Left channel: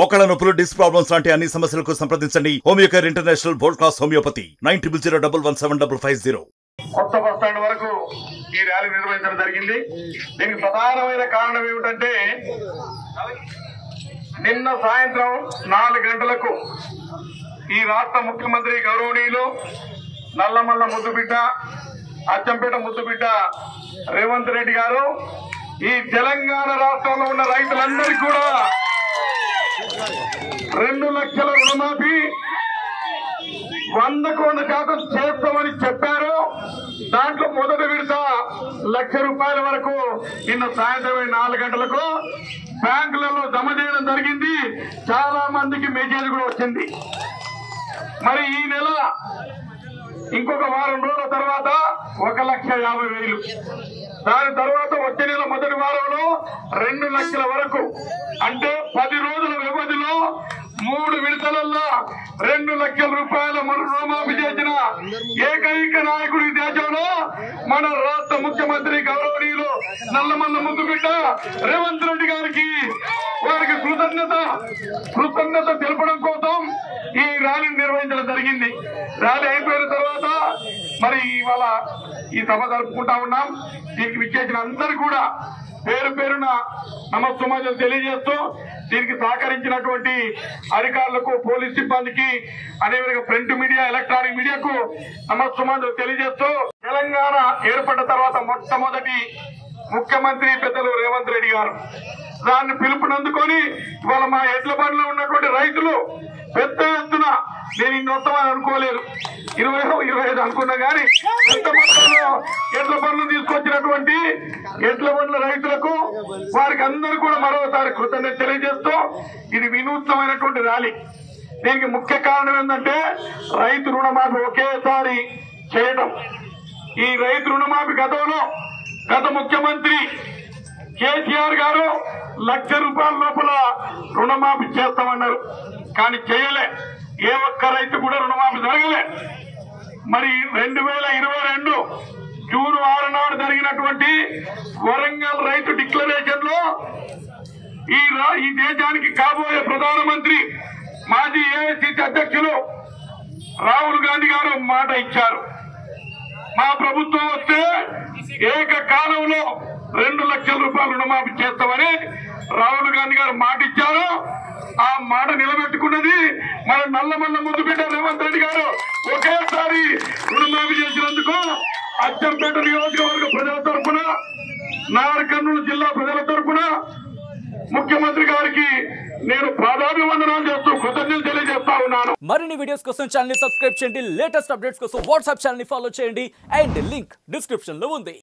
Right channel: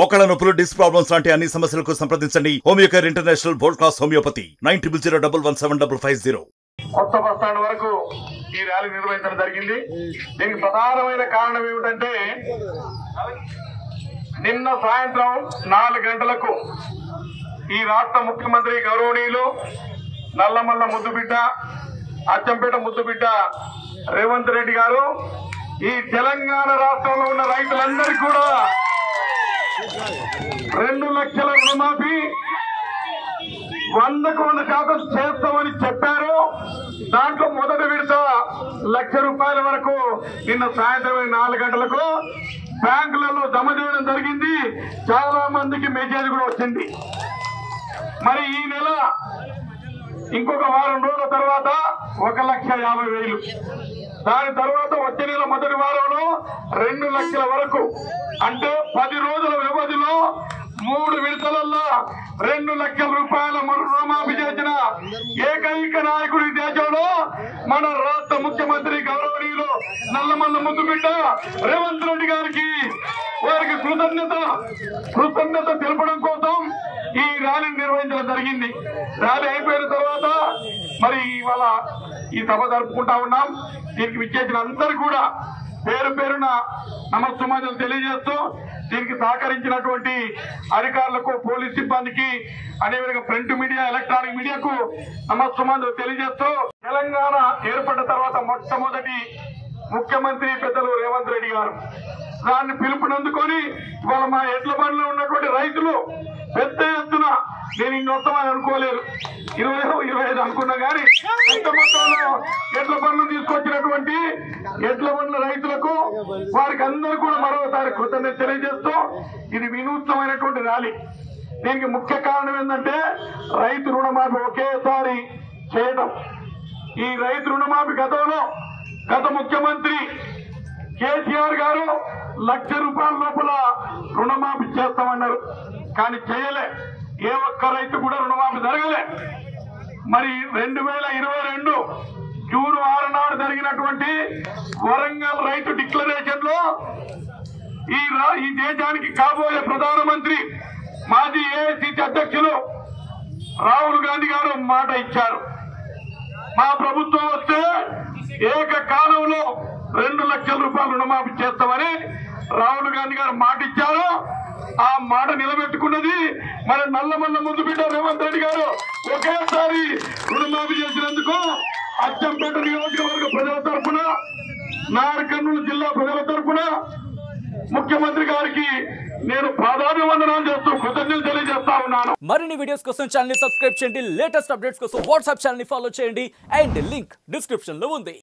మోకాళ్ళ నొప్పులు, disc problems లాంటి అన్ని సమస్యలకు సంప్రదించండి Homeocare international world class homeopathy 9001175550. కొత్త బస్ స్టాండ్ వరకు ఈ ర్యాలీ నిర్వహించడం జరిగింది. దీనికి ప్రధానమైన కారణం ఏమిటంటే నిన్న సాయంత్రం 4 గంటలకు ఈ రాష్ట్ర ముఖ్యమంత్రి గౌరవనీయులు నల్లమల్ల ముద్దుబిడ్డ, అచ్చంపేట ముద్దుబిడ్డ రేవంత్ రెడ్డి గారు ఈ తెలంగాణ రాష్ట్రంలో ఉన్న రైతులందరికీ కూడా 2 లక్షల రుణమాఫీ 100% చేస్తామని చెప్పారు. దాంట్లో మొదటి విడత ₹1,00,000 వరకు నిన్న సాయంత్రం 4 గంటలకు బ్యాంకులలో జమ చేయడం జరిగింది. చాలా మందికి మెసేజ్ కూడా వచ్చింది. మరి ఈ నెల ఇంకొక వారం రోజుల తర్వాత 1,50,000, దాని తర్వాత వచ్చే నెల మొదటి వారంలో 2 లక్షల వరకు, అంటే 10 రోజుల వ్యవధిలో 3 విడతలలో 2 లక్షల రూపాయల రుణమాఫీ చేసిన ఏకైక నాయకుడు ఈ దేశంలో మన రాష్ట్ర ముఖ్యమంత్రి గౌరవనీయులు నల్లమల్ల ముద్దుబిడ్డ రేవంత్ రెడ్డి గారికి వారికి కృతజ్ఞత తెలపడం కోసం ఈ ర్యాలీని నిర్వహించడం జరిగింది. ర్యాలీ అయిపోయిన తర్వాత మరి ఇవాళ ఈ సభ జరుపుకుంటా ఉన్నాం. దీనికి విచ్చేసిన అందరూ కూడా పేరు పేరున నమస్సుమాంజలు తెలియజేస్తూ దీనికి సహకరించినటువంటి అధికారులకు, పోలీస్ సిబ్బందికి, అదేవిధంగా ప్రింట్ మీడియా, ఎలక్ట్రానిక్ మీడియాకు నమస్సుమాంజలు తెలియజేస్తూ తెలంగాణ ఏర్పడిన తర్వాత మొట్టమొదటి ముఖ్యమంత్రి పెద్దలు రేవంత్ రెడ్డి గారు దాన్ని పిలుపునందుకొని ఇవాళ మా ఎడ్ల బండిలో ఉన్నటువంటి రైతులు పెద్ద ఎత్తున, నేను ఇన్ని వస్తామని అనుకోలేదు, 20-25 అనుకున్నా కానీ పెద్ద మొత్తంలో ఎడ్ల బండ్లు తీసుకొచ్చినటువంటి ఎడ్ల బండ్ల రైతులకు వారికి అందరూ కూడా మరోసారి కృతజ్ఞత తెలియజేస్తూ ఇది వినూత్నమైనటువంటి ర్యాలీ. దీనికి ముఖ్య కారణం ఏంటంటే రైతు రుణమాఫీ ఒకేసారి చేయడం. ఈ రైతు రుణమాఫీ గత ముఖ్యమంత్రి కేసీఆర్ గారు ₹1,00,000 లోపల రుణమాఫీ చేస్తామన్నారు, కానీ చేయలే. ఏ ఒక్క రైతు కూడా రుణమాఫీ జరగలే. మరి 2022 జూన్ 6 నాడు జరిగినటువంటి వరంగల్ రైతు డిక్లరేషన్ లో ఈ దేశానికి కాబోయే ప్రధానమంత్రి, మాజీ ఏఐసిసి అధ్యక్షులు రాహుల్ గాంధీ గారు మాట ఇచ్చారు, మా ప్రభుత్వం వస్తే ఏకకాలంలో ₹2 లక్షల రుణమాఫీ చేస్తామని రాహుల్ గాంధీ గారు మాట ఇచ్చారు. ఆ మాట నిలబెట్టుకున్నది మన నల్లమల్ల ముద్దుబిడ్డ రేవంత్ రెడ్డి గారు. ఒకేసారి రుణమాఫీ చేసినందుకు అచ్చంపేట నియోజకవర్గ ప్రజల తరఫున, నాగర్కర్నూలు జిల్లా ప్రజల తరఫున ముఖ్యమంత్రి గారికి నేను పాదాభివందనాలు చేస్తూ కృతజ్ఞతలు తెలియజేస్తా ఉన్నాను. మరిన్ని వీడియోస్ కోసం ఛానల్ ని సబ్స్క్రైబ్ చేయండి. లేటెస్ట్ అప్డేట్స్ కోసం వాట్సాప్ ఛానల్ ని ఫాలో చేయండి. అండ్ లింక్ డిస్క్రిప్షన్ లో ఉంది.